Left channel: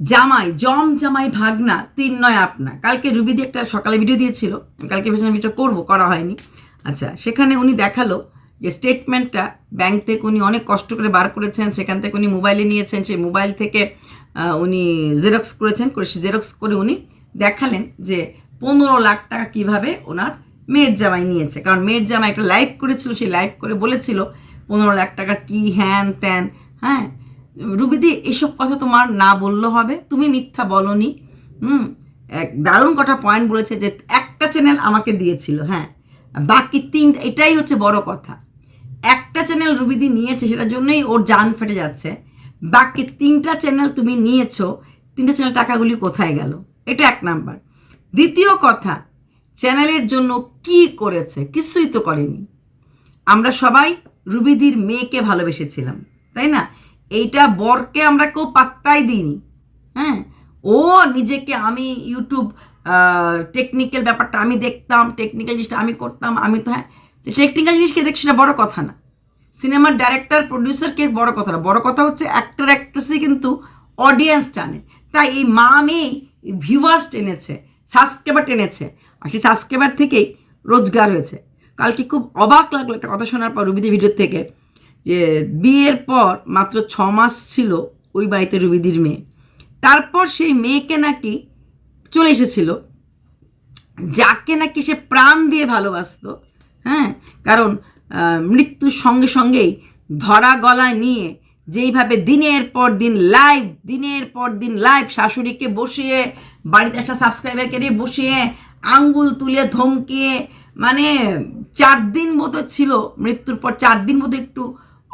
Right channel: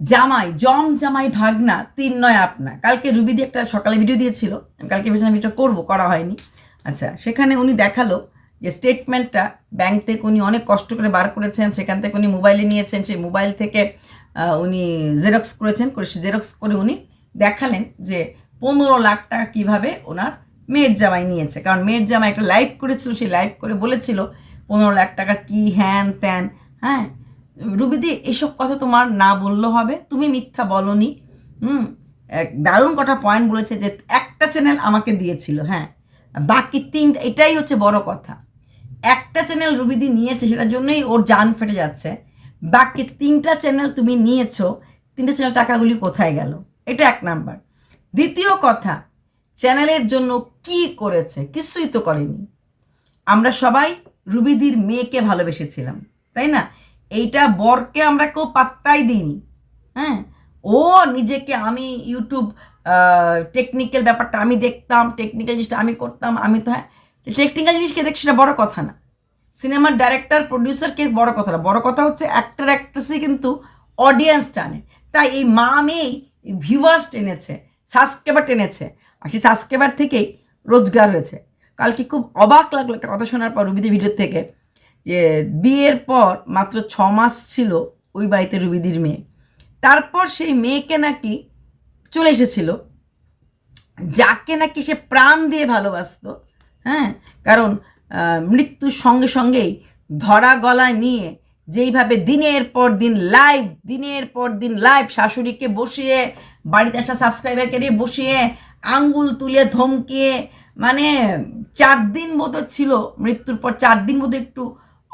জামাই, জম জামাই ভাগনা, তিন নয় আপনা কালকে রুবিদি একটা সকালে ভিডিও দিয়েছিল। আমি কালকে ভেবেছিলাম ভিডিও করব, করা হয়নি। আচ্ছা সেখানে উনি দেখাল যে স্টেটমেন্টটা ব্যাংক থেকে উনি অনেক কষ্ট করে বার করেছেন, সেখান থেকে উনি মোবাইলে নিয়েছেন, সেই মোবাইল থেকে উনি জেরক্স করেছেন, করে সে জেরক্স করে উনি দেখালেন যে পনেরো লাখ টাকা কীভাবে ওনার মেয়ের জামাই নিয়েছে। কারণ মেয়ের জামাই একটা লাইভ করেছিল, সেই লাইভ করে বলেছিল, পনেরো লাখ টাকা কি হ্যান ত্যান হ্যাঁ? রুবিদি, এসব কথা তোমার না বললে হবে। তুমি মিথ্যা বলনি। হুম দারুণ কটা পয়েন্ট বলেছে যে একটা চ্যানেল আমাকে দিয়েছিল হ্যাঁ। বাকি তিনটা, এটাই হচ্ছে বড় কথা। একটা চ্যানেল রুবিদি নিয়েছে, সেটার জন্যই ওর জান ফেটে যাচ্ছে। বাকি তিনটা চ্যানেল তুমি নিয়েছো, তিনটা চ্যানেল টাকাগুলি কোথায় গেল? এটা এক নাম্বার। দ্বিতীয় কথা চ্যানেলের জন্য কি করেছে? কিছুই তো করেনি। আমরা সবাই রুবিদির মেয়েকে ভালোবেসেছিলাম, তাই না? এইটা বরকে আমরা কেউ পাত্তাই দিইনি। হ্যাঁ? ও নিজেকে আমি ইউটিউব টেকনিক্যাল ব্যাপারটা আমি দেখতাম টেকনিক্যাল জিনিসটা আমি করতাম, আমি তো হ্যাঁ? টেকনিক্যাল জিনিসকে দেখ সেটা বড় কথা না। সিনেমার ডাইরেক্টর প্রডিউসারকে বড় কথা না। বড় কথা হচ্ছে অ্যাক্টর অ্যাক্ট্রেসই কিন্তু অডিয়েন্স টানে। তাই এই মা মেয়েই ভিউয়ার্স টেনেছে সাবস্ক্রাইবার টেনেছে। আর সেই সাবস্ক্রাইবার থেকেই রোজগার হয়েছে। কালকে খুব অবাক লাগল একটা কথা শোনার পর রুবিদের ভিডিও থেকে। যে বিয়ের পর মাত্র ছ মাস ছিল ওই বাড়িতে রুবিদির মেয়ে। তারপর সেই মেয়েকে নাকি চলে এসেছিল, যাকে নাকি সে প্রাণ দিয়ে ভালোবাসতো হ্যাঁ? কারণ মৃত্যুর সঙ্গে সঙ্গেই ধরা গলায় নিয়ে যেইভাবে দিনের পর দিন লাইভ দিনের পর দিন লাইভ শাশুড়িকে বসিয়ে, বাড়িতে আসা সাবস্ক্রাইবারকে নিয়ে বসিয়ে, আঙ্গুল তুলে ধমকিয়ে মানে চার দিন মতো ছিল মৃত্যুর পর, চার দিন মতো একটু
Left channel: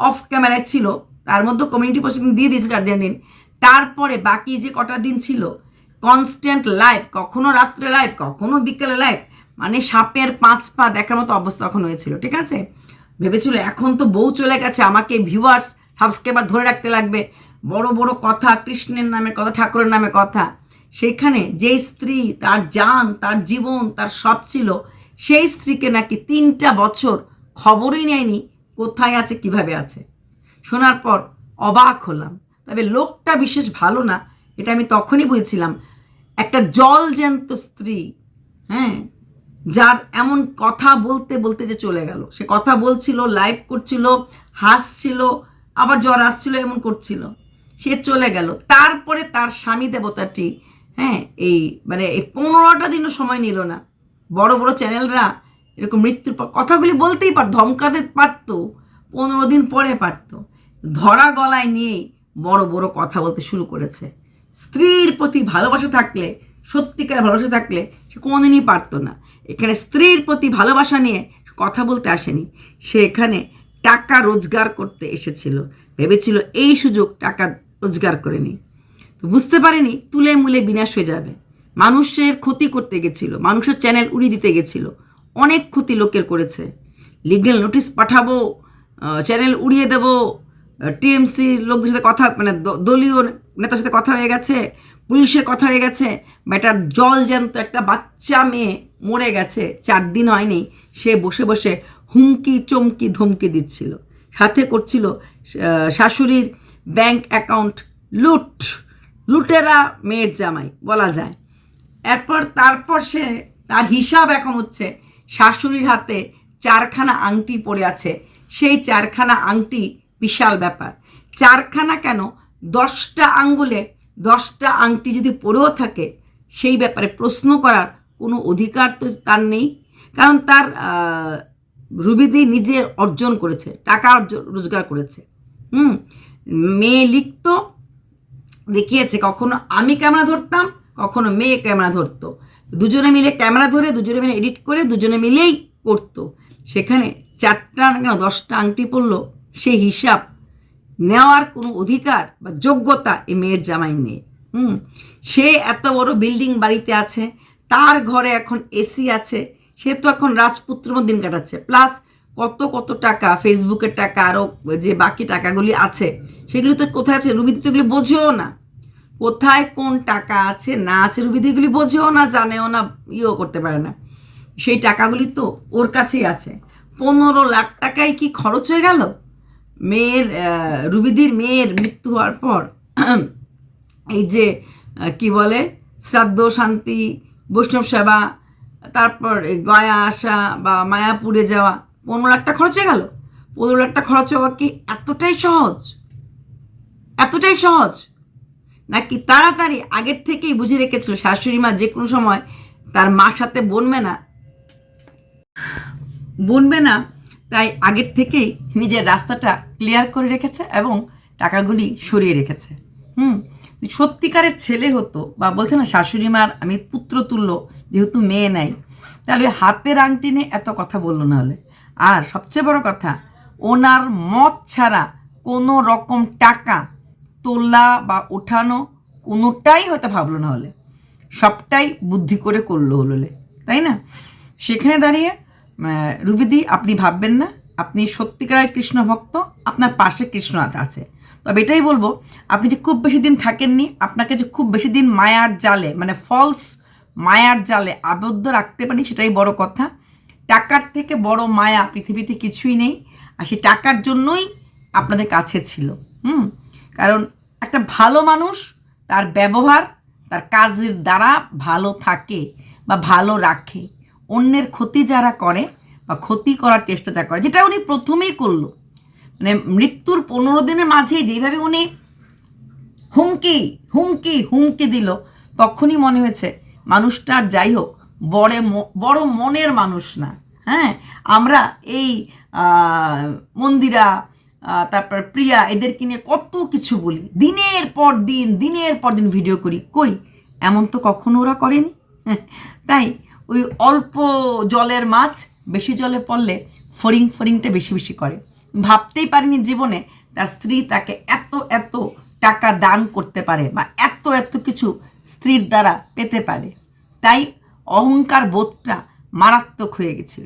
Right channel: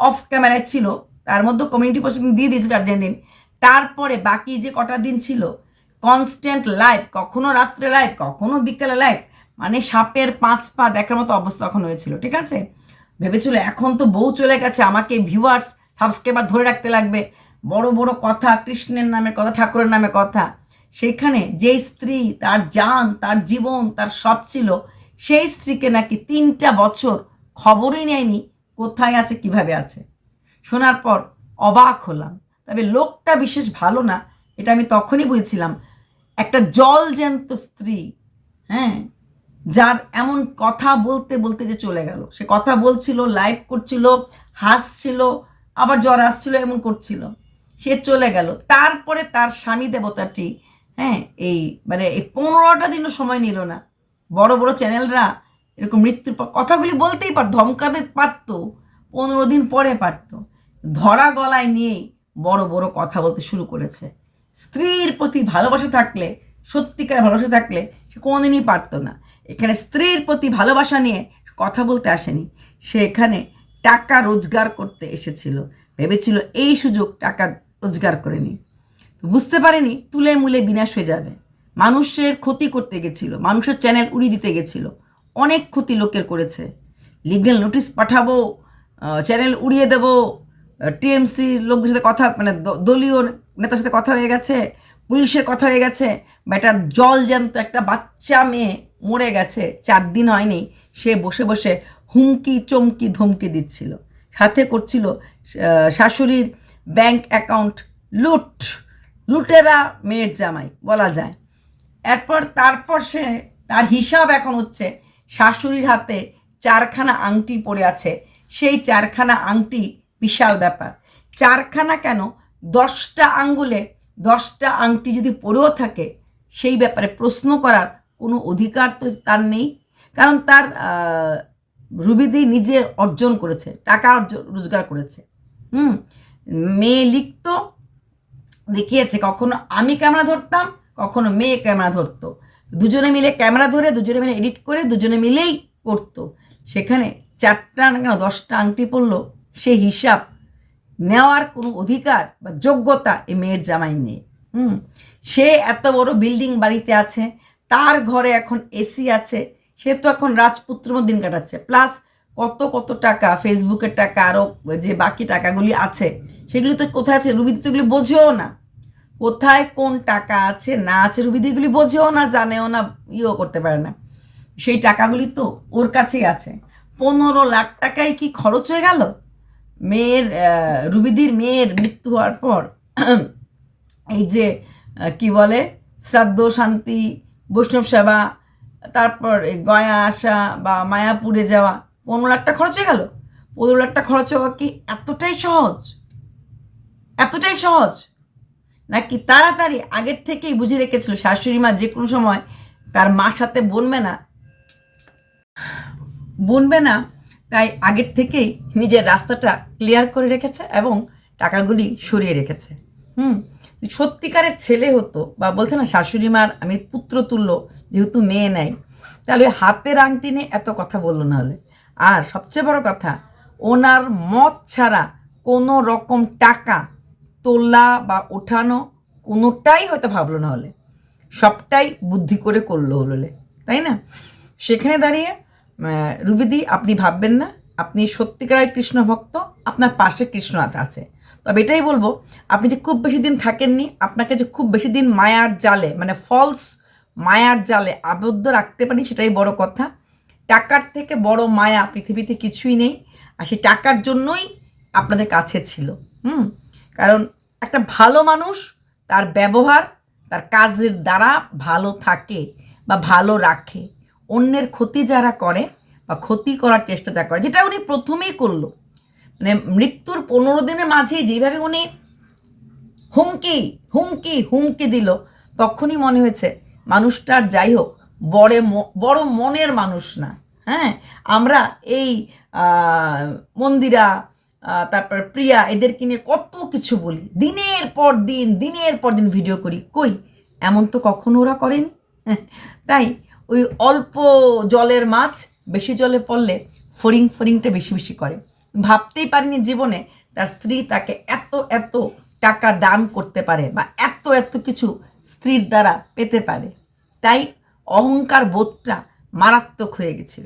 অফ ক্যামেরায় ছিল, তার মধ্যে কমিউনিটি পোস্ট দিয়ে দিয়েছিল চার দিন দিন। তারপরে বাকি যে কটা দিন ছিল কনস্ট্যান্ট লাইভ কখনো রাত্রে লাইভ কখনো বিকেলে লাইভ মানে সাপের পাঁচ পা দেখার মতো অবস্থা তখন হয়েছিল, ঠিক আছে? ভেবেছিল এখন তো বউ চলে গেছে, আমাকে ভিউয়ার্স সাবস্ক্রাইবার ধরে রাখতে লাগবে। বড় বড় কথা, কৃষ্ণের নামে কথা, ঠাকুরের নামে কথা। সেখানে যে স্ত্রী, তার যান তার জীবন, তার সব ছিল, সেই স্ত্রীকে নাকি তিনটা বছর খবরই নেয়নি কোথায় আছে, কীভাবে আছে? শোনার পর অবাক হলাম। তবে লোকটা বিশেষ ভালো না, এটা আমি তখনই বুঝেছিলাম। একটা জল জ্যান্ত স্ত্রী হ্যাঁ যার এমন কথা বলতে বলতে যে চলে গেল। সে কথা বলছিল লাইভ করছিল, হাসছিল, আবার জ্বর আসছিল, এমন করছিল। সে চলে গেল। তারপরে তার স্বামী দেবতাটি হ্যাঁ এই মানে এই পনেরোটা দিনও সময় নিল না। বড় বড় চ্যানেলরা এরকম মৃত্যুর পর কথাগুলি বলতেই পারত, ধমকাতে পারতো, পনেরো দিন পরে পারতো। ধরা গলায় নিয়েই বড় বড় কথা বলতে শুরু করেছে। স্ত্রীর প্রতি ভালোবাসা থাকলে সত্যিকার ভালোবাসা থাকলে সে কোনোদিনই পারতো না। এখানে স্ত্রীর প্রতি ভালোবাসা নিয়ে কথা বলতে আসেনি। সে এখানে টাকা রোজগার করতে এসেছিল। ভেবেছিল এই সুযোগ টাকা রোজগার করে নি তো বুঝতে পারেনি, তুলে মুলে বিনাশ হয়ে যাবে। মানুষের ক্ষতি করতে গেছিল, মানুষের চ্যানেল উড়ি দিতে গেছিল। অনেক ক্ষতি লোকের করেছে। লিগেল নোটিশ পাঠাবো চ্যানেল উড়িয়ে দেবো টিএমসির লোকদের সাথে কথা মানে দলীয় নেতার সাথে কথা হয়ে গেছে, পুলিশের কথা হয়ে গেছে বেটার জল জ্যান্ত একটা বাচ্চা মেয়ে মরে গেছে, চার দিন হয়নি, সে বসে বসে হুমকি, চমকি, ধমকি দিচ্ছিল। সাথে করছিল শাশুড়ির ব্যাংক অ্যাকাউন্ট লুট, লুটেরা মেয়ের জামাই, বলা যায়। এরপর, তারপর সে তার হিসাব এখন হচ্ছে শাশুড়ির হাতে চারখানা আংটি পড়ে আছে। সেই চারখানা আংটি বিশাল ব্যাপার। চারখানা কেন? দশটা আঙ্গুলে দশটা আংটি যদি পড়েও থাকে, সেই ব্যাপারে প্রশ্ন করার কোনো অধিকার তো তার নেই। কারণ তার রুবিদি নিজে অর্জন করেছে, টাকা অর্জন রোজগার করেছে। হুম? মেয়ে লিখতো, দেখিয়েছে, কখনো আমি ক্যামেরা ধরতাম, কখনো মেয়ে ক্যামেরা ধরতো। দুজনে মিলে ক্যামেরা ধরে, দুজনে মিলে এডিট করে, দুজনে মিলেই করতো। সেখানে চারটা কেন, দশটা আংটি পড়ল, সেই হিসাব নেওয়ার কোনো অধিকার বা যোগ্যতা এই মেয়ের জামাই নেই। হুম, সে এত বড় বিল্ডিং বাড়িতে আছে, তার ঘরে এখন এসি আছে, সে তো এখন রাজপুত্র দিন কাটাচ্ছে। প্লাস কত কত টাকা, ফেসবুকের টাকা আরও যে বাকি টাকাগুলি আছে, সেগুলি তো কোথায় আছে? রুবিদি তো এগুলি বোঝেও না। কোথায় কোন টাকা আছে, না আছে রুবিদিগুলি বোঝেও না, জানেও না, ইয়েও করতে পারে না। সেই টাকাগুলি তো ওর কাছেই আছে। পনেরো লাখ টাকায় কি খরচ হয়ে গেল? মেয়ের রুবিদির মেয়ের মৃত্যু হওয়ার পর, এই যে কি বলে, শ্রাদ্ধ, শান্তি, বৈষ্ণব সেবা, তারপর গয়া আসা বা মায়াপুরে যাওয়া, পনেরো লাখটা খরচ হয়ে গেল। পনেরো লাখটা খরচ হওয়া কি এতটাই সহজ? এতটাই সহজ? নাকি তাড়াতাড়ি আগের থেকেই বুঝে রেখেছিল শাশুড়ি মা যে কোনো সময় তার মার সাথে বনবে না? বনবে না, তাই আগের থেকেই নিজের রাস্তাটা ক্লিয়ার করে রেখেছে এবং টাকাগুলি সরিয়ে রেখেছে। হুম, সত্যিকারের ছেলে হতো বা বলছে না শাশুড়ি মার আমি পুত্র তুল্য যেহেতু মেয়ে নাই, তাহলে হাতের আংটি নিয়ে এত কথা বলল না হলে। আর সবচেয়ে বড় কথা, ওনার মত ছাড়া কোনো রকম টাকা তোলা বা ওঠানো কোনোটাই হয়তো ভাবলো না হলে। সবটাই বুদ্ধি করে করল হলে তাই না? সেখানে দাঁড়িয়ে রুবিদি, আপনি ভাববেন না। আপনি সত্যিকারের কৃষ্ণ ভক্ত, আপনার পাশে কৃষ্ণ আছে। তবে এটাই বলব, আপনি যে খুব বেশি দিন থাকেননি, আপনাকে যে খুব বেশি দিন মায়ার জালে মানে ফলস মায়ার জালে আবদ্ধ রাখতে পারি সেটাই বড় কথা। টাকার থেকে বড় মায়া পৃথিবীতে কিছুই নেই, আর সেই টাকার জন্যই আপনাদের কাছে ছিল। হুম? কারণ একটা ভালো মানুষ, তার ব্যবহার, তার কাজের দ্বারা ভালো থাকে বা ভালো রাখে। অন্যের ক্ষতি যারা করে বা ক্ষতি করার চেষ্টা যা করে, যেটা উনি প্রথমেই করল। মানে মৃত্যুর পনেরো দিনের মাঝেই যেভাবে উনি হুমকি হুমকি হুমকি দিল, তখনই মনে হয়েছে মানুষটার যাই হোক, বড় বড় মনের মানুষ না। হ্যাঁ? আমরা এই মন্দিরা তারপর প্রিয়া, এদেরকে নিয়ে কত কিছু বলি। দিনের পর দিন, দিনের পর দিন ভিডিও করি। কই? এমন তো কখনো ওরা করেনি। তাই ওই অল্প জলের মাছ বেশি জলে পড়লে ফরিং ফরিংটা বেশি বেশি করে। ভাবতেই পারিনি জীবনে তার স্ত্রী তাকে এত এত টাকা দান করতে পারে বা এত এত কিছু স্ত্রীর দ্বারা পেতে পারে। তাই অহংকার বোধটা মারাত্মক হয়ে গেছিল।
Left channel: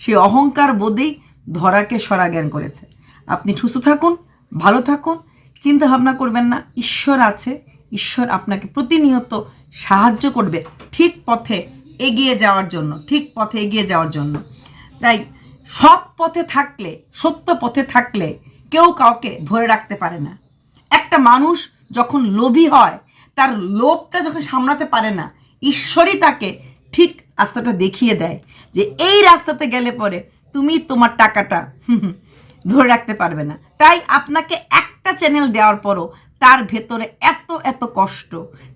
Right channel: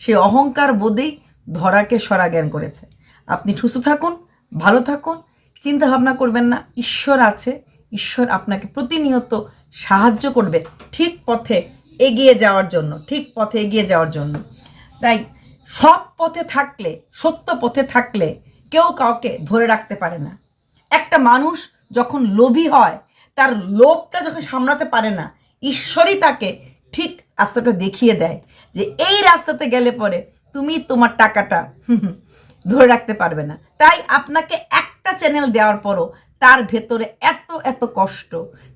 সেই অহংকার বোধেই ধরাকে সরা জ্ঞান করেছে। আপনি ঠুসু থাকুন, ভালো থাকুন চিন্তা ভাবনা করবেন না, ঈশ্বর আছে, ঈশ্বর আপনাকে প্রতিনিয়ত সাহায্য করবে ঠিক পথে এগিয়ে যাওয়ার জন্য, ঠিক পথে এগিয়ে যাওয়ার জন্য। তাই সৎ পথে থাকলে, সত্য পথে থাকলে কেউ কাউকে ধরে রাখতে পারে না। একটা মানুষ যখন লোভী হয়, তার লোভটা যখন সামলাতে পারে না, ঈশ্বরই তাকে ঠিক রাস্তাটা দেখিয়ে দেয় যে, এই রাস্তাতে গেলে পরে তুমি তোমার টাকাটা ধরে রাখতে পারবে না। তাই আপনাকে একটা চ্যানেল দেওয়ার পরও তার ভেতরে এত এত কষ্ট।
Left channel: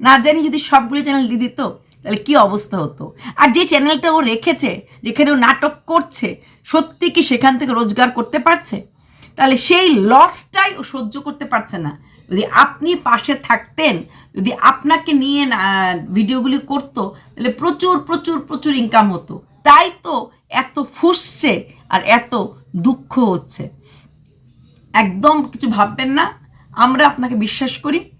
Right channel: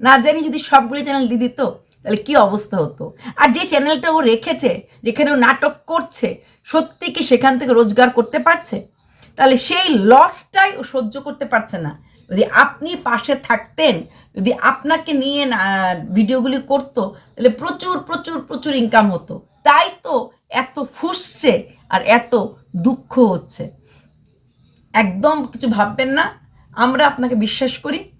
না জানি যদি সবগুলো চ্যানেল দিয়ে দিত, তাহলে কী অবস্থা হতো? আর যে চ্যানেলটা ও রেখেছে, যেখানে ও নাটক করছে, সত্যি কি সেখান থেকে রোজগার করতে পারছে? তাহলে সেই লসটাই ও সহ্য করতে পারছে না। যদি আপনি পাশে থাকতেন, যদি আপনাকে নিয়ে ভিডিওগুলি করতো, তাহলে প্রচুর প্রচুর প্রচুর ইনকাম হতো। তাই তো এত ফুসছে আর এত দুঃখ হচ্ছে। একদম কিছু ভাববেন না। আমরা আপনাকে বিশ্বাস করি।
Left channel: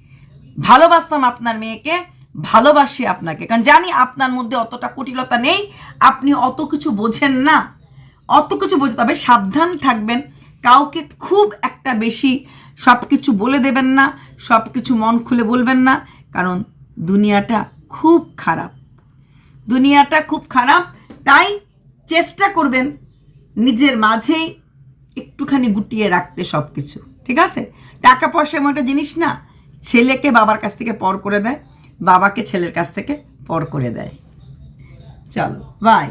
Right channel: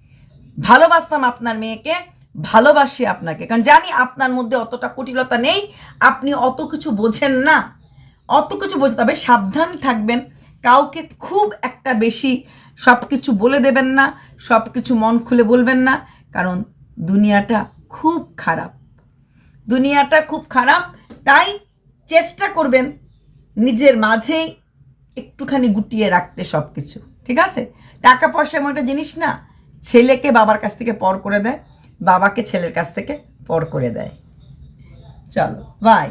ভালোবাসতাম আপনার মেয়েকে, ভালোবাসি আপনাকে। কারণ জানি আপনার মধ্যে অতটা কুটিলতা নেই, আপনি অত কিছু বোঝেন না। অত কিছু বোঝে, তবে সাবধান থাকবেন। কাউকে খুব একটা বেশি সব কিছু বলে দেবেন না সব কিছু মন খুলে বলবেন না, কারণ দুনিয়াটা খুব খারাপ। দুনিয়াটা খুব খারাপ, তাই চেষ্টা করবেন নিজের মাঝেই একটুখানি গুটিয়ে রাখতে সব কিছু ঠিক আছে? টাকা পয়সা এমন একটা জিনিস না, ছেলেকে বাবার কাছ থেকে পর করে দেয়, বাবাকে ছেলের কাছ থেকে পর করে দেয়। চলো বাই